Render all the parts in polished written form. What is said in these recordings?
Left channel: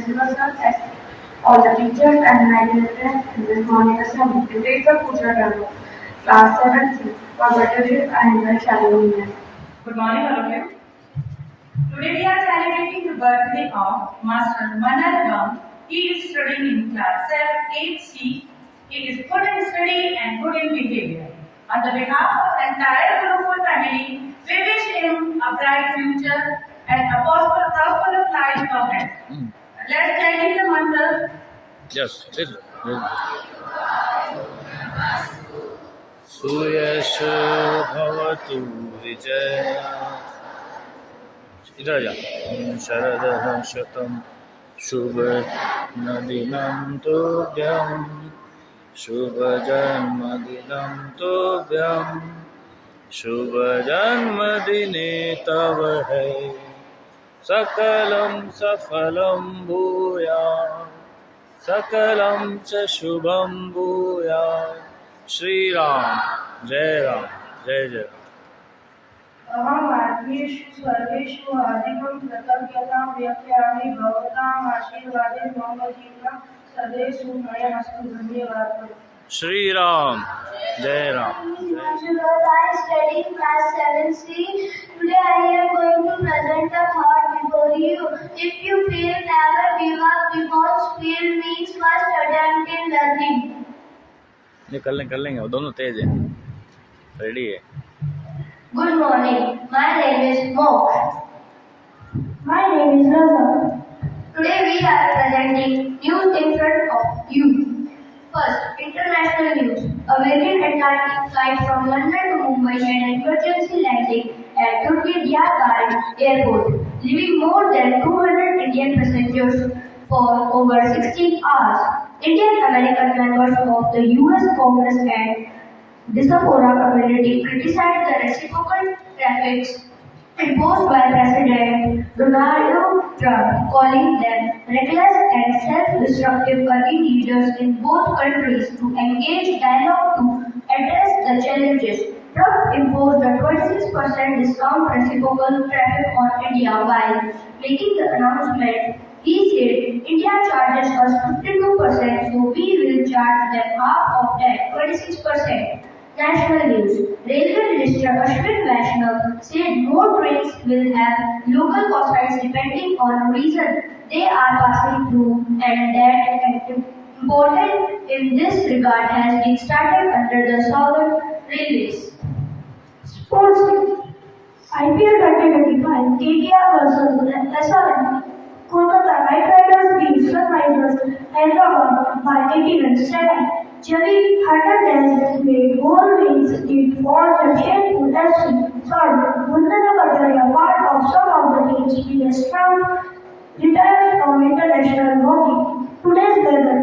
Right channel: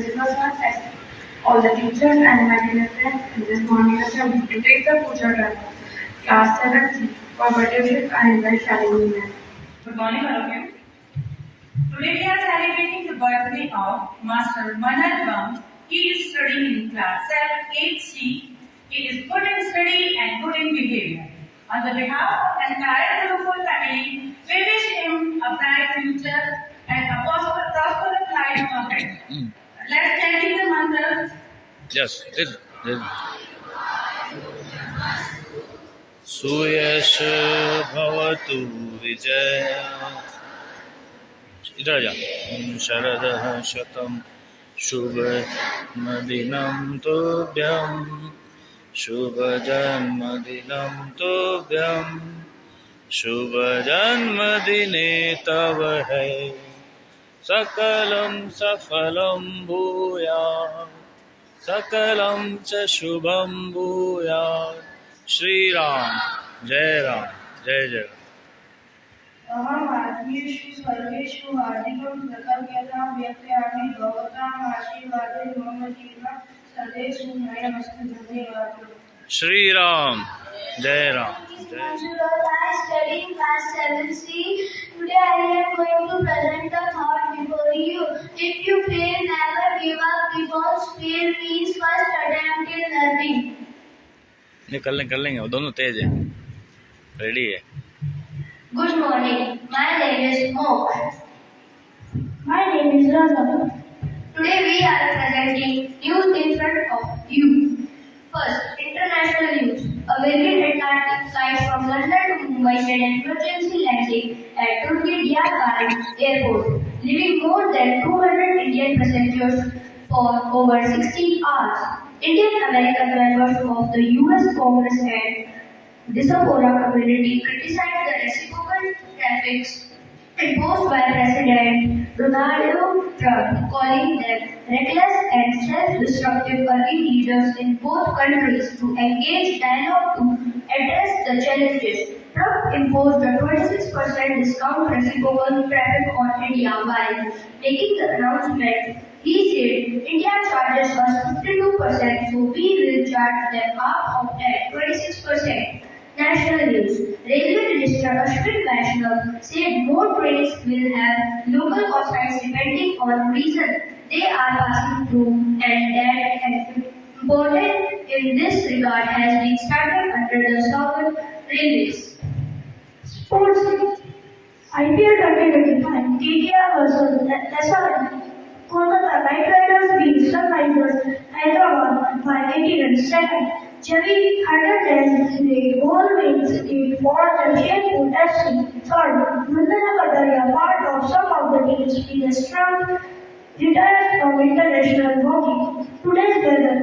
principal sir, as all the teachers and my dear friends in this morning assembly to take the puja drama. Class 7C. For better view, I invite Shalini ma'am. Good morning, all of you. Today we are celebrating the birthday of Master Maam. He is studying in class 8C. He is good in study and good in behavior. On the behalf of the entire Gurukul family, we wish him a bright future and a prosperous life ahead. Let's chant the mantra. Yes, this. सुयश भवतु विजय इधर जा शरदः शतं शुभ नदिनं तुभ्यं शुभ जन्मदिनं तुभ्यं शुभ जन्मदिने तव है सकलं सफलं भूयात् सकलं च शुभं भूयात् श्री राम जय जय राम। अहमात्मेषु सर्वेषु हार्दिकं कृतज्ञतां व्यक्तयामि भवताम् आशीर्वादे मम जीवनं सदैव सुखमयमस्तु। धन्यवादः। श्री राम जय Ram. I study in class 7C. Today I am going to present a thought before you. If you fail, never give up because fail means first attempt in learning. कर लेंगे वो दोनों तेज है। रेडी है। Good morning. My name is Maam. My name is Raza. Today we are presenting news in front of you. First, international news. A Virgin Atlantic flight from London to Mumbai made an emergency landing at Turkey Airport, leaving more than 200 Indian passengers for over 16 hours. Indian-American members of the U.S. Congress and diaspora community criticized the reciprocal tariffs imposed by President Donald Trump, calling them reckless and self-destructive, urging leaders in both countries to engage dialogue to address the challenges. Trump imposed a 26% discount reciprocal tariff on India while making the announcement. He said, India charges us 52%, so we will charge them half of that, 26%. National news. Railway Minister Ashwin Vaishnav said more trains will have local cost depending on region they are passing through, and that important in this regard has been started under the Southern Railways. Sports. IPL 2025 KKR versus SRM. Kolkata Knight Riders beat Sunrisers Hyderabad by 81-7. Javi Hernandez goal wins it for the Jaipur FC. Third, Vandana Kataria, part of some of the team's previous round, retired from international hockey. Today's weather.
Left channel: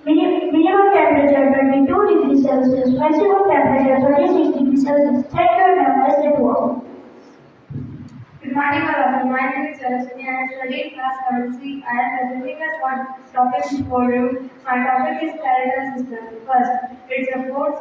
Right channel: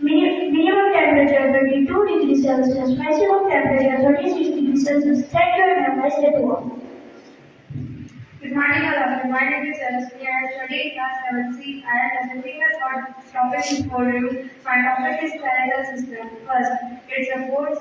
Minimum temperature 22 degrees Celsius, maximum temperature 36 degrees Celsius. Thank you and have a nice day to all. Good morning, all of you. My name is Shalini. I am studying class 7C. I am presenting a topic before you. My topic is skeletal system. First, it supports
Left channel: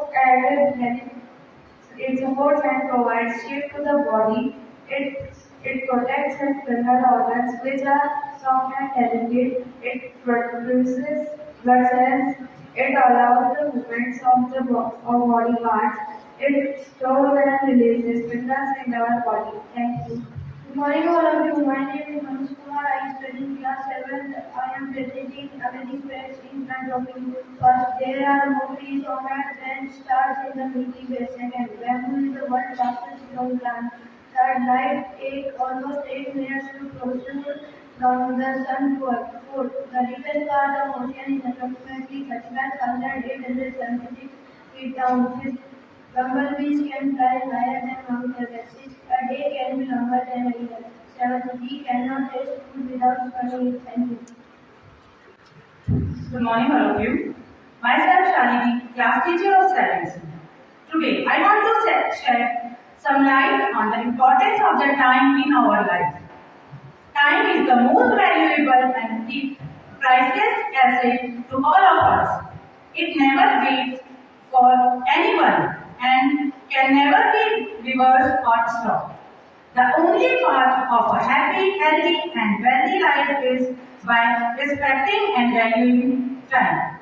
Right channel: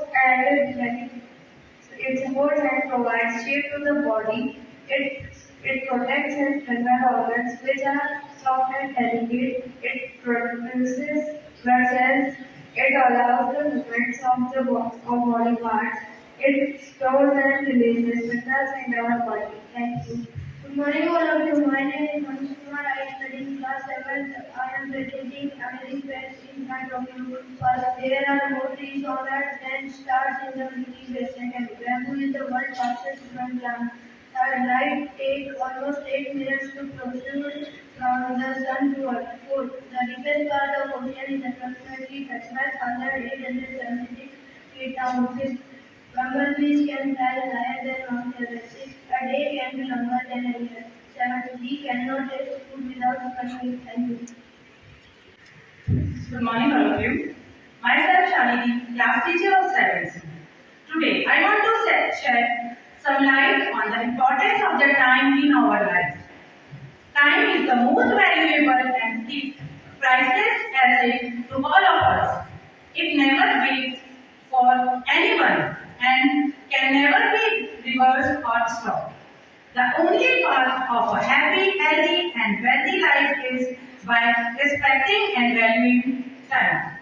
and provides shape to the body. It protects and strengthens organs which are soft and delicate. It produces blood cells. It allows the movements of the body parts. It stores and releases minerals in our body. Thank you. Good morning, all of you. My name is Manush Kumar. I study in class 7th. I am presenting amazing facts in front of you. First, there are more trees on earth than stars in the Milky Way. Second, bamboo is the world's fastest growing plant. Third, light takes almost 8 minutes to protrude from the sun to earth. Fourth, the deepest part of ocean is approximately 35,876 feet down. Fifth, bumblebees can fly higher than Mount Everest. Sixth, a day can be longer than a year. Seventh, we cannot taste food without smelling it. Thank you. Good morning, all of you. Myself, Shalini, class teacher of 7C. Today, I want to shed some light on the importance of the time in our lives. Time is the most valuable and priceless asset to all of us. It never waits for anyone and can never be reversed or stopped. The only path of a happy, healthy, and wealthy life is by respecting and valuing time.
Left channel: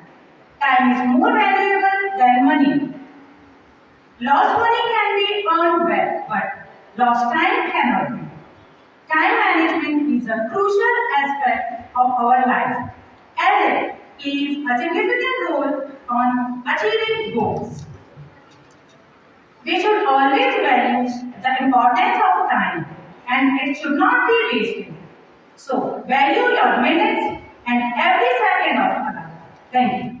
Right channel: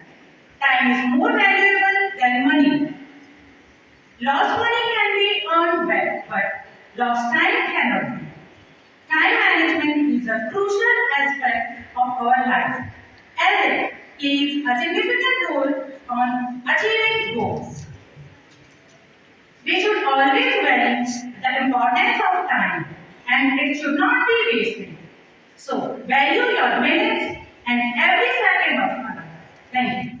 Time is more valuable than money. Lost money can be earned back, but lost time cannot be. Time management is a crucial aspect of our life as it plays a significant role on achieving goals. We should always value the importance of time and it should not be wasted. So, value your minutes and every second of time. Thank you.